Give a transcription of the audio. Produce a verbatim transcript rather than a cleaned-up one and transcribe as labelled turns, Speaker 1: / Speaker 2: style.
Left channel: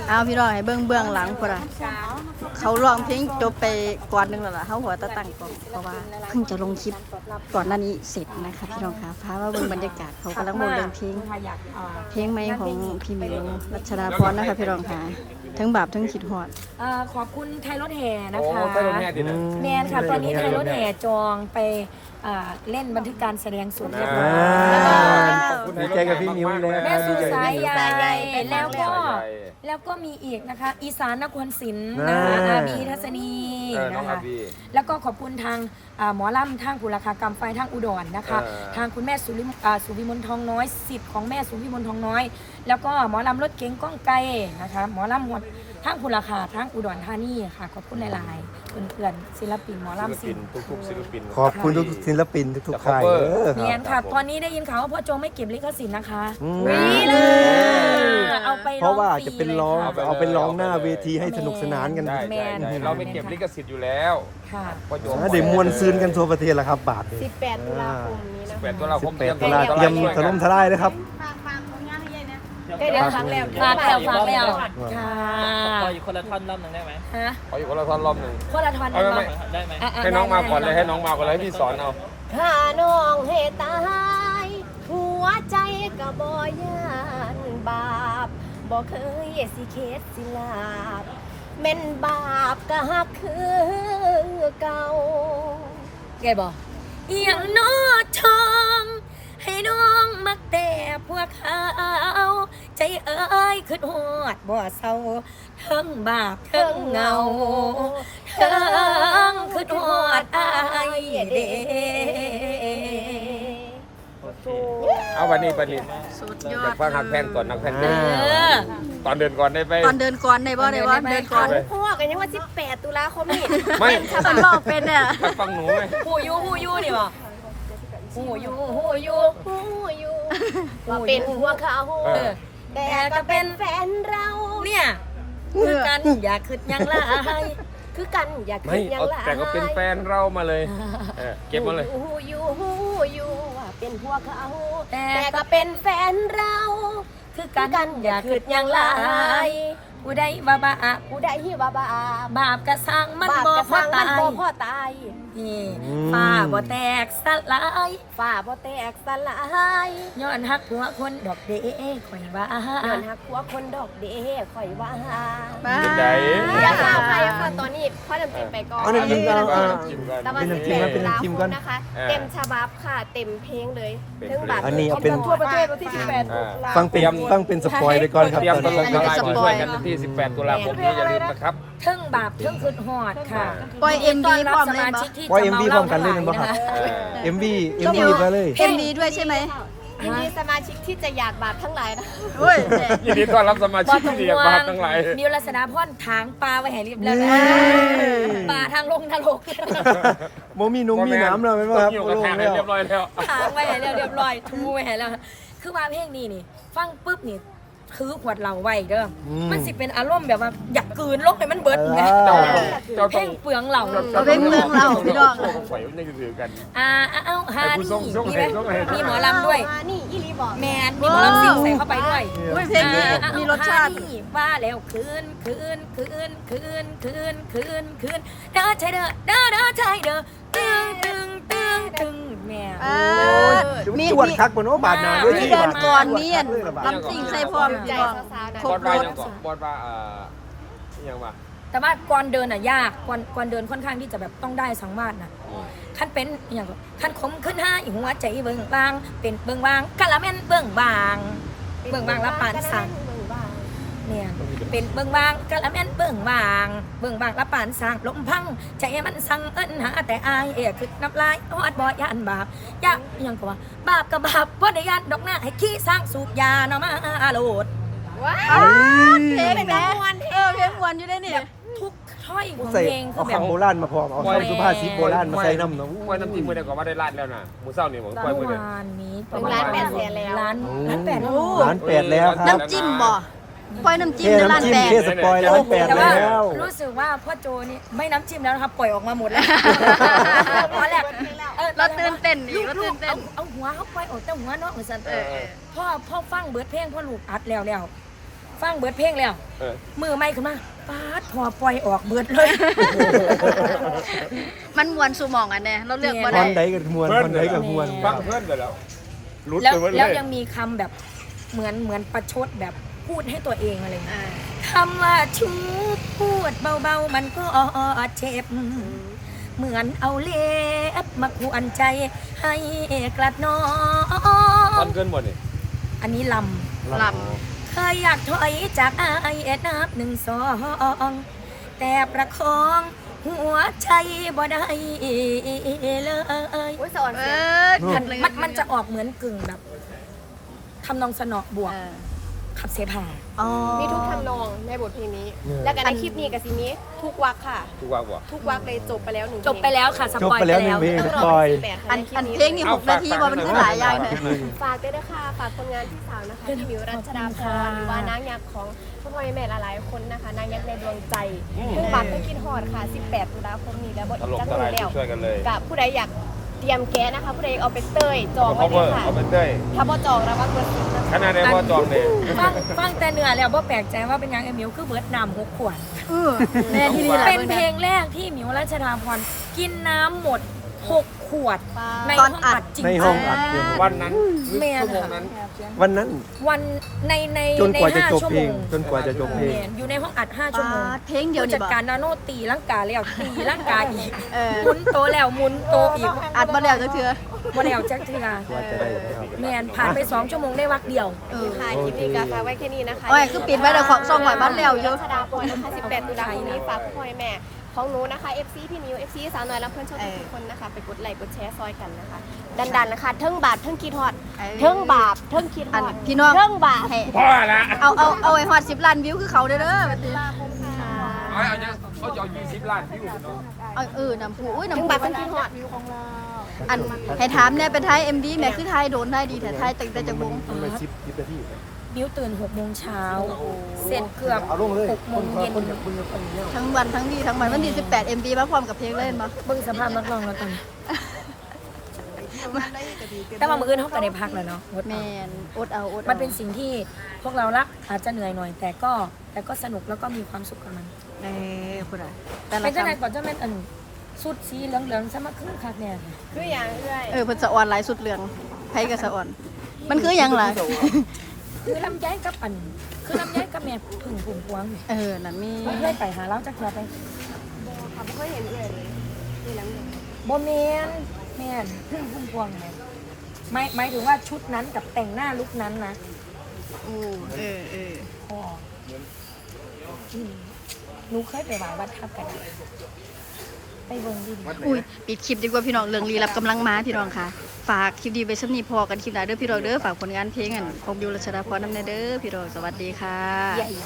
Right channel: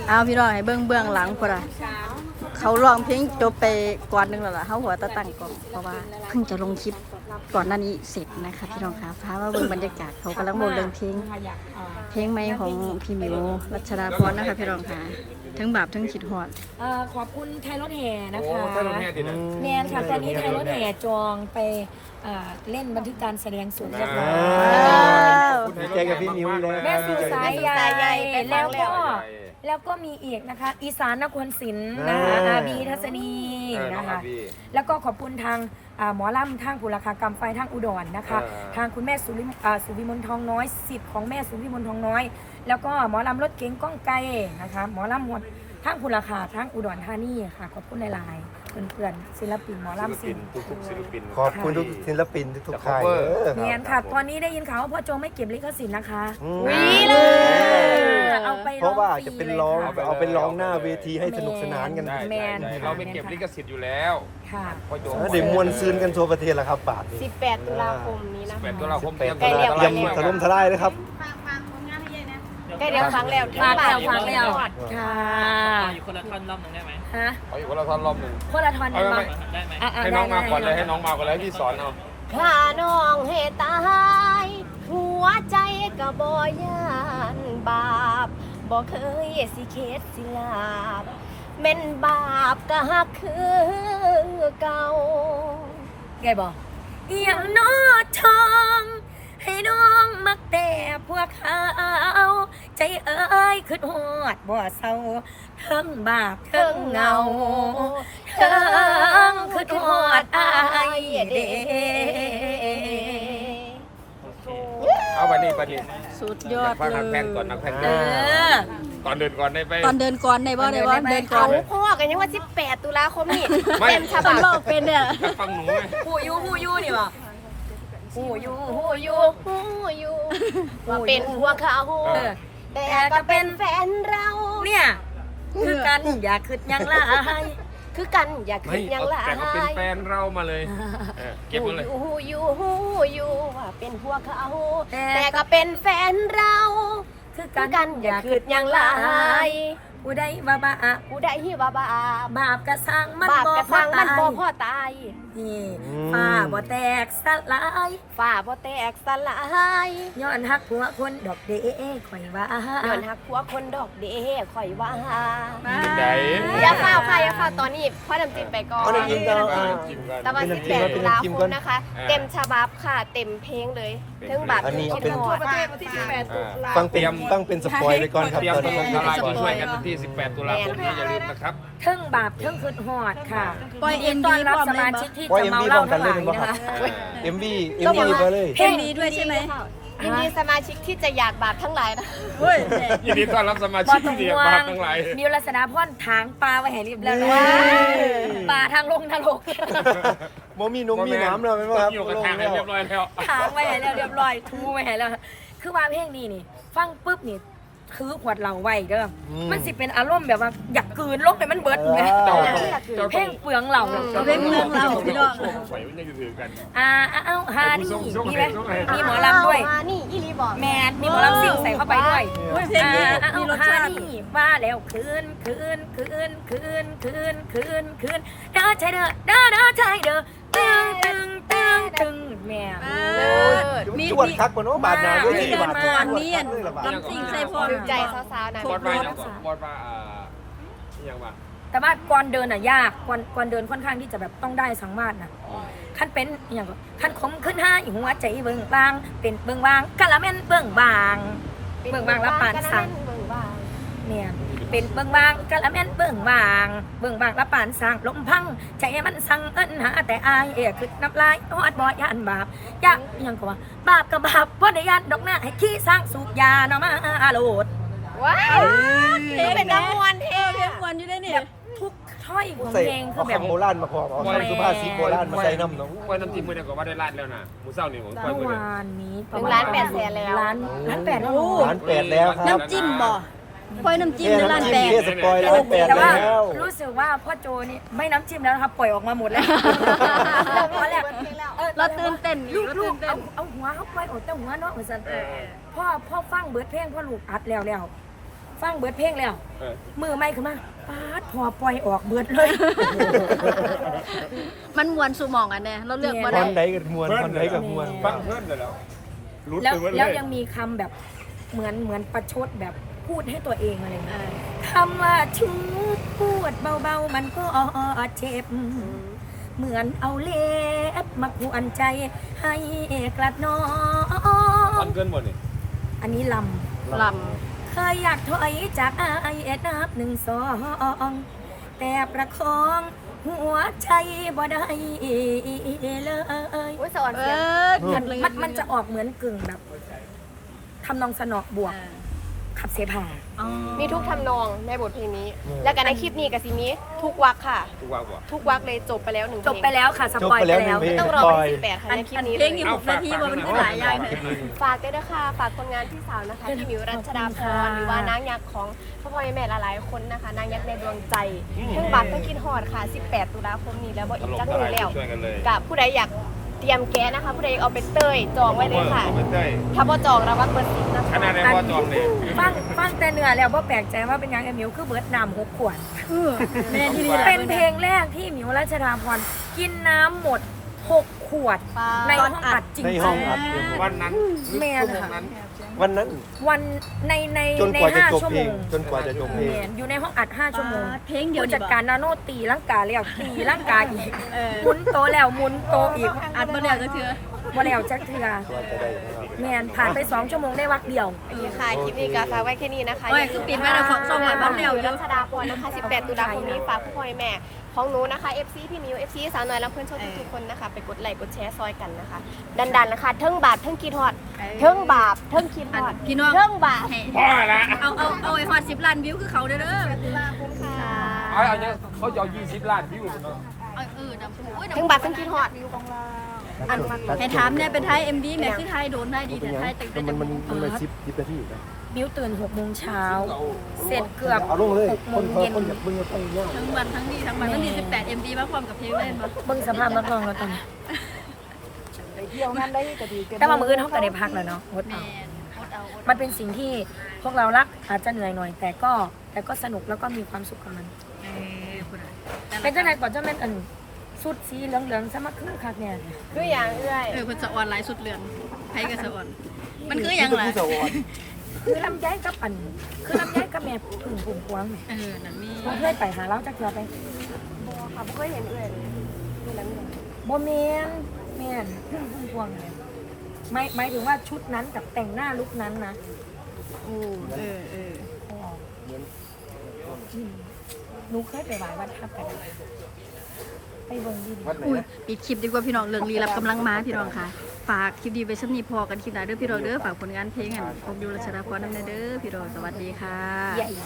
Speaker 1: เอาพี่น้องให้เบื้องเบื้องหลังพอละเขาร้องเพลงจบไปก่อนนึงแล้วล่ะเขาหัวตะตั้งก่อนเพราะว่าเพิ่งจะลงคลิปก่อนหน้านี้เสร็จนะคะพี่น้องคะพามาเบื้องบรรยากาศเขากำลังโมเดินเพลงเพลงใหม่ของพี่มิวรัชดาพรนะคะพี่น้องคะทั้งบาปทั้งขิดหอด
Speaker 2: ขอบคุณไทยรถแห่นะคะแนนค่ะตอนนี้ไทยรถแห่จองไปเล่นบันทึกการแสดงสดเรียบร้อย
Speaker 3: ดีใจกับพี่มิวเลย
Speaker 2: แม่สู่สายใหญ่แล้วก็แล้วก็มีอีกนะคะอีสานนครศรีนะคะอาบีทัศนีนะคะแล้วก็ขอบคุณทางหมอลำทางบุรคากรรมไฟทางอุดรนะคะทางคุณแม่สุริสุวิมลทองน้อยสิทธิ์ของแม่สุวิมลทองน้อยแล้วก็หมอลำรถเก๋งก้องไกลนะคะหมอลำหมดทางบุรคาทางอุดรธานีค่ะขอบคุณหลายๆเพื่อนๆศิลปินหมอลำศิลปิน
Speaker 3: ขอบคุณทุกศิลปินทุกๆค่าย
Speaker 2: เนียนค่ะตอนนี้ได้ยินข่าวว่าพ่อโจไม่เก็บลิขสิทธิ์นะคะ
Speaker 1: วิเลย
Speaker 2: เอาไปร้องฟรีเลยค่ะ
Speaker 3: เอาเป็นร้องหน้าเวทีให้สนุกสนานกัน
Speaker 2: แมน
Speaker 4: เราไปเก็บลิขสิทธิ์อยู่แล้ว
Speaker 2: ค่ะ
Speaker 3: ถ้าเด็กมวลซืนกันทั่วประเทศแล้วครับบาท
Speaker 5: สิบแปดตุลาคมนี้นะคะ
Speaker 4: สิบแปดตุลาคมเตรียม
Speaker 5: ใกล้แล้วใกล้แล้ว
Speaker 3: ขนมทลายนะครับ
Speaker 5: ใกล้แล้วฟังแล้ว
Speaker 2: ฟังแล้วฟังแล้วค่ะ
Speaker 6: อยู่คนละท่อนรอบหนึ่งได้ไหม
Speaker 2: ฮะ
Speaker 4: อยู่คนละท่อนรอบหนึ่ง
Speaker 2: คนละท่อนได้ไหม
Speaker 6: ได้ไหม
Speaker 4: ให้น้องมาก่อนเลยให้น้องมาก่อนเลยให้พี่สอนเอา
Speaker 5: ข้าน้องเหตุตายหัวใจกะบ่ยานบาปบ่เคยสิเคสสิลาบแม่นบาปกะฮักคือเก่า
Speaker 2: ไงบอกเอียงน้อทองให้น้องมักแต่พวกเขาใจเอ้ยขึ้นหอดบ่เศร้าเทิงบาปเทิงเงาเทิงขึ้นหอดอายเด้
Speaker 4: เอาวันนี้วันนี้
Speaker 1: สุดยอดเลย
Speaker 4: นักแพนก่อนนักแพน
Speaker 2: เออ
Speaker 4: ตอนเดินก่อนได้ไป
Speaker 1: ตอนเดินก่อนได้บ่ได้บ่เดินก่อน
Speaker 5: พ่อกันยังว่าสิบแปดตุลาคมนี่
Speaker 4: เ
Speaker 5: ต็มฉบับ
Speaker 1: บอกเป็นเนี่ย
Speaker 4: ฟังหนูไหม
Speaker 2: ผู้ยูผู้ยูนี่บ่ผู้ยูผู้ยู
Speaker 5: ผู้ยูว่าเป็นพวกเขาแต่ก็เป็นแฟนเรา
Speaker 2: เนี่ยคือกันอย่าคิดยังละ
Speaker 5: คือกันอย่าคิดยังละ
Speaker 4: แต่ก็เป็นแฟนเรามาเลยเก็บมาเลย
Speaker 5: ฮู้ยูฮู้ยูว่าเป็นพวกเขาแต่ก็เป็นแฟนเรา
Speaker 2: คือกันอย่าคิดยังละผู้ใดว่าบาป
Speaker 5: ผู้ใดว่าบาป
Speaker 2: บาปกระสังมันบ่
Speaker 5: พอตายบ่พอตาย
Speaker 2: นี่ฟ้าบ่แตกสลาย
Speaker 5: ฟ้าบ่แตกสลาย
Speaker 2: ย้อนฮักผัวคนดอกเด้ข่อยว่า
Speaker 5: ย้อนฮักผัวคนดอกเด้ข่อยว่า
Speaker 4: อย่
Speaker 5: าฟ้าค่ะอย่าฟ้าตอนนี้พ่อดำจิ้มไปก่อนตะวันสิบแปดตุลาคมนะคะเต็มฉบับค่ะเต็มเพลงเลยถึงแบบ
Speaker 3: คิด
Speaker 5: ทั่วประเทศที่สิบแปดตุลา
Speaker 3: ต้องเตรียมต้องเป็นสปอยไปก่อนครับ
Speaker 4: เตรียมตลอดตลาดด้วยกันที่สิบแปดตุลาคมนี้อย่าลืมนะครับ
Speaker 2: เทิงบาปเทิงคืนหอดค่ะ
Speaker 1: ปล่อย เอ็ม
Speaker 2: ต
Speaker 1: วี
Speaker 2: อนรับ
Speaker 1: พร้อม
Speaker 2: ส
Speaker 1: เลย
Speaker 2: มา
Speaker 1: บ่
Speaker 2: ชิกที่จะเมาเหล้าทั้งหลายนะคะ
Speaker 3: เอ็มวีเอ็มวีมาเลย
Speaker 1: เอ็มวีด้วยใช่ไหม
Speaker 5: ยินดีสมาชิกที่จะอยากบาปทั้งหลายนะ
Speaker 1: เฮ้ย
Speaker 4: ยินดีต้อนรับสมาชิกที่อยากบาปทั้งหลาย
Speaker 2: มิวรัศดาพรถางปลาไว้ให้เรียบร้อยแล้วปลาทางลงทางลง
Speaker 3: โมมีนุ่มมีน้ำเลยไหม
Speaker 4: ว่าอยู่กับทางเรียบร้อยแล้ว
Speaker 2: ทางไว้ให้เรียบร้อยทูไว้ให้แล้วคือว่าเพลงนี้นี่ฟังปุ๊บนี่คือขวดเหล้าไว้เด้อมันสิเป็นอารมณ์แบบว่าอยากกลืนลงไปมันเบิดไงเพลงเปลืองเหล้า
Speaker 1: เอาเพลงเปลืองเหล้าพี่น้อง
Speaker 2: อ่าเอาฮานี่มีไหมมีหมอลำด้วย
Speaker 5: นี่อีลีบอก
Speaker 2: แมนมีหมอลำซิ่งใส่เข้าไปด้วย
Speaker 1: เพลงนี้มีรสชาติ
Speaker 2: ว่าแล้วคืนคืนคืนคืนคืนคืนคืนเด้อใจเด้อเด้อเด้อใจเด้อตึงตึงตึงตึงแม่
Speaker 1: มีมีมีเดินก่อนมีอันลำซิ่งใส่พร้อม
Speaker 5: ใจสาวๆนะ
Speaker 1: ครบรถ
Speaker 4: บอดว่าเอ่อยังว่า
Speaker 2: แต่ว่าก่อนเดินอ่ะยากก่อนก่อนเดินค่อนข้างที่จะแบบต้องได้สังวาสนะขั้นเป็นอย่างก็ขั้นคมขึ้นห้าหัวใจเบิ่งบางเป็นเบิ่งบางกะละแม่นเบิ่งบางเบิ่งบางละปานสังเนี่ยเป็นเบิ่งบางกะละแม่นเบิ่งบางเบิ่งบางละปานสังลมพังใจมันสั่งเอิ้นหาแต่อายเอ๋คือน้ำลายฮอดบ่ยานบาปยากยังก็ว่าบาปกับบาปบ่ได้ยานดอกหน้าให้ขี้สร้างสูบยาเนาะมาโลด
Speaker 5: ว้าวเพลงเป็นน้ำมวนเท
Speaker 1: เพลงมวนอยู่ได้นี่
Speaker 2: ทุกท่อยของเพลงคือแบบ
Speaker 3: โบราณมาพอเอาสุภาษิตโบราณมาใส่น้ำ
Speaker 4: ว่าน้ำจิ้มมื่อเดียวก็มาได้ล้านแล้วนะหมูเศร้านี่ผม
Speaker 2: เมื่อวานนี้
Speaker 5: หนึ่งล้านแปดแสนแล้ว
Speaker 2: ล้านล้านแปดโอ้
Speaker 3: ล้านแปดแล้ว
Speaker 1: น้ำจิ้มบ่ปล่อยน้ำจิ้มในร้านแปด
Speaker 2: แต่ว่ารู้สึกว่าพ่อโจนี่ไม่น้ำจิ้มแล้วนะครับปล่อยออกมาหมดแล้วตอนแรก
Speaker 1: เราตื่นเต้นนี่เราตื่นเต้น
Speaker 2: เอาหัวเขาปล่อยออกแต่หัวเนาะเหมือนสันพ่อพ่อฟังเบิร์ดเพลงพ่อลูกอัดแล้วแล้วฟังเบิดเพลงแล้ว
Speaker 4: เออ
Speaker 2: มือไม่ขึ้นมาปาดพอปล่อยออกเบิดเลย
Speaker 1: มันมวนสู่หมองอันเนี่ยเราเลือกบ่ได้
Speaker 3: ทางไหนกันมวน
Speaker 4: เพื่อน
Speaker 3: ทางไหน
Speaker 4: เลย
Speaker 3: กันมวน
Speaker 4: ฟังเพื่อนเลยแล้วรุด
Speaker 2: แล้ว
Speaker 4: ไปหมดเล
Speaker 2: แล้ว
Speaker 4: ย
Speaker 2: ยังมีคำแบบเหมือนเหมือนประชดแบบพูดให้ตัวเองอะไรอย่างเงี้ย
Speaker 1: อ่า
Speaker 2: คำว่าชูพูดเบาๆมันก็เจ็บ เหมือนเอาเล็บมาขวนใจให้กลัดน้อ
Speaker 4: มั
Speaker 2: ง
Speaker 4: นเกินหมดนี่
Speaker 2: อันนี้ล
Speaker 1: ล
Speaker 2: ำเคยอยากถอยจากอายเอ็ดนับหนึ่งสองแต่ประคองหัวใจบ่ได้เลย
Speaker 5: อุ้ยสอน
Speaker 1: ำเอ
Speaker 5: เสียง
Speaker 1: อ
Speaker 2: มันมันมันจะออกเหมือนกึ่งแบบทำนองสนอบวก
Speaker 1: เออ
Speaker 2: ขับเสพา
Speaker 1: อ๋อ
Speaker 5: มีทุกทำนองในบทเพลงนี้ แล้วกันในคลิปนี้กับซิมีทุกวักค่ะ
Speaker 4: กูว่าบ่
Speaker 5: ทุกวักเลยจบไปแล้วหนึ่งเพลง
Speaker 2: จบไปแล้วค่ะสปอยไปแล้ว
Speaker 5: ไม่ต้องรอเป็นสิบแปดค่ะ
Speaker 1: อัน
Speaker 5: ในคลิป
Speaker 1: อัน
Speaker 5: นี้
Speaker 1: เพลงนี่หกนาทีบ่มันคือหลายอย่างเลย
Speaker 5: ฝากด้วยนะคะฝากผลงานที่สาวนะคะที่มิวรัชดาพรหรือว่านางยักษ์ของพ่อพ่อแม่หลายๆคนนะคะนางยักษ์ในดวงใจเพิ่งบัตรเพิ่งกินฮอดค่ะสิบแปดตุลาคมนี้แล้วบ่อีกจักมือแล้ว
Speaker 4: ช่วยกันเลย
Speaker 5: กับผู้ใดอยากเตรียมแก๊สนะคะ ผู้ใดเอาไปเต้ยจองไว้เลยค่ะ
Speaker 4: เต้ย
Speaker 5: ถ้าบ่จองระวังเบอร์ซิปนะ
Speaker 4: ข
Speaker 5: คะ
Speaker 4: นาดในว่าจองเลย
Speaker 2: ฟังฟังแต่เนื้อแล้วบ่แปลกใจว่าเป็นหยังไอ้หมิวคือเบิร์ดน้ำหกขวด
Speaker 1: เออแน่ที่นี่แหละ
Speaker 2: เป็นเพลงแรกที่หมิวรัชดาพรกินน้ำหมดหกขวด ในห้องอัดจริง
Speaker 3: ใน
Speaker 2: ๆ
Speaker 3: ห้องอัด
Speaker 4: วันนั้น
Speaker 2: แม่น
Speaker 4: ชั่วโมง
Speaker 2: ค่ะ
Speaker 4: นั้น
Speaker 3: วันนั้น
Speaker 2: วันในใน
Speaker 3: จน
Speaker 2: ใน
Speaker 3: กว่าจะ
Speaker 2: ห้า
Speaker 3: จบ
Speaker 2: ชั่ว
Speaker 3: เพ
Speaker 2: โม
Speaker 3: ลง
Speaker 2: ง
Speaker 3: จนกว่าจะจบเพลง
Speaker 2: แม่นอยู่ในห้องอัดห้าชั่วโมง
Speaker 1: เพลงเดียว
Speaker 2: ผู้
Speaker 1: นี่
Speaker 2: จัด
Speaker 1: บ่
Speaker 2: การนาโนตีร่างกายแล้วตีร่างกายอีก
Speaker 1: เออ
Speaker 2: หมุนโตะแล้วหมุนโตะอีก
Speaker 1: อัดบ่แล้วจักเทื่อ
Speaker 2: วันแล้วจักเทือ
Speaker 1: เออ
Speaker 2: แม่นผ่านไปสองชั่วโมงได้วักเดียว
Speaker 5: โอเคค่ะคลิปนี้ก็ฝากไว้แค่นี้นะคะ
Speaker 1: โอ้ยคือปิดไว้แล้วของซ่อมไว้บ้านแล้วอยู่
Speaker 5: รัชดาพรนะคะสิบแปดตุลาคมนี้ฝากผู้พ่อแม่ของหนูนะคะ เอฟ ซี พี่มิว เอฟ ซี สาวน้อยรับเพื่อนชอบทุกๆคนนะคะ ไปกดไลค์กดแชร์ซอยกันนะคะ ดันๆนะคะเทิงบาทเทิงคิดฮอด
Speaker 1: เออ
Speaker 5: เทิงบาปเทิงคิดฮ
Speaker 1: อัน
Speaker 5: อด
Speaker 1: พี่น้อง
Speaker 5: เทิงบาป
Speaker 1: ให้
Speaker 4: พ่อละ
Speaker 1: เอาเอาเอาไว้ฮอดสิบล้านวิวคือเขาเด้อเด้อ
Speaker 5: ขอบคุณค่ะ
Speaker 4: เอาเอาเนี่ยเขาจะเอายี่สิบล้านวิว
Speaker 1: เอาเออน้ำผู้อุ้ยน้ำ
Speaker 5: เทิงบาปเทิงคิดฮอด
Speaker 1: อันให้ถามเนี่ยเป็นไทย เอ็ม ดี แม่คือไทยโดนไทยดีแต่ไทยตั้งแต่จะวง
Speaker 2: มิวตื่นหกโมงเช้าเสร็จเกือบหกโมงเย็น
Speaker 1: ทั้งวันทั้งดีทั้งวันวันที่สิบแปด เอ็ม ดี มาพร้อมกับเพลงเล่นบ่
Speaker 2: เบิ่งสภาพนักร้องแล้วตอนนี้แต่ว่ามืออื่นเขาก็ได้พักแล้วเนาะงด
Speaker 1: แม
Speaker 2: เอา
Speaker 1: นอดเอาอด
Speaker 2: มันเป็นสิ่งที่พวกเรารักอาจจะเหนื่อยหน่อย แต่ก็แต่ก็สนุกแล้วก็มีความสุขกับมัน
Speaker 1: เออพูดอะไร
Speaker 2: เป็นเจ้าไหนก่อนเจ้าแม่นอันสุดสีเหลืองๆซะมาคือคักเนี่ย
Speaker 5: คืออย่างเอื้อย
Speaker 1: เออเพิ่นสะออนหลายสุดเรื่องไทยกับสะออน มันคือหยังล่ะ
Speaker 2: คือลำไยกับอัน คือลำไยกับแม่ผึ่งผุ่มพวงเนี่ย
Speaker 1: เออนั่นมี
Speaker 2: ผมเคยไปหาเล้าจักเทือไป
Speaker 5: บอค่ะไม่เคยเห็นเอื้อยเลยนี่น้ำอย่าง
Speaker 2: บ่แมนแม่นผึ่งผุ่มพวงเนี่ยไม่หมายถึงว่าชุดนั้นกับแต่งหน้าลุคนั้นนะ
Speaker 1: โอ้เออเออ
Speaker 2: อ๋ออืมหนูเคยไปไหว้วัดทับกันไปเบิ่งดิ
Speaker 1: อุ้ยปิดคลิปดีกว่าพี่น้องเรื่องลี้ลับกำลังมาพี่น้องค่ะ ฝากคลิปดีไว้สำนีพอกันคลิปหน้าเด้อพี่น้องเด้อฝากผลงานเพลงอันของบิวรัชดาพรนำแน่เด้อพี่น้องสวัสดีค่ะ
Speaker 2: ใหญ่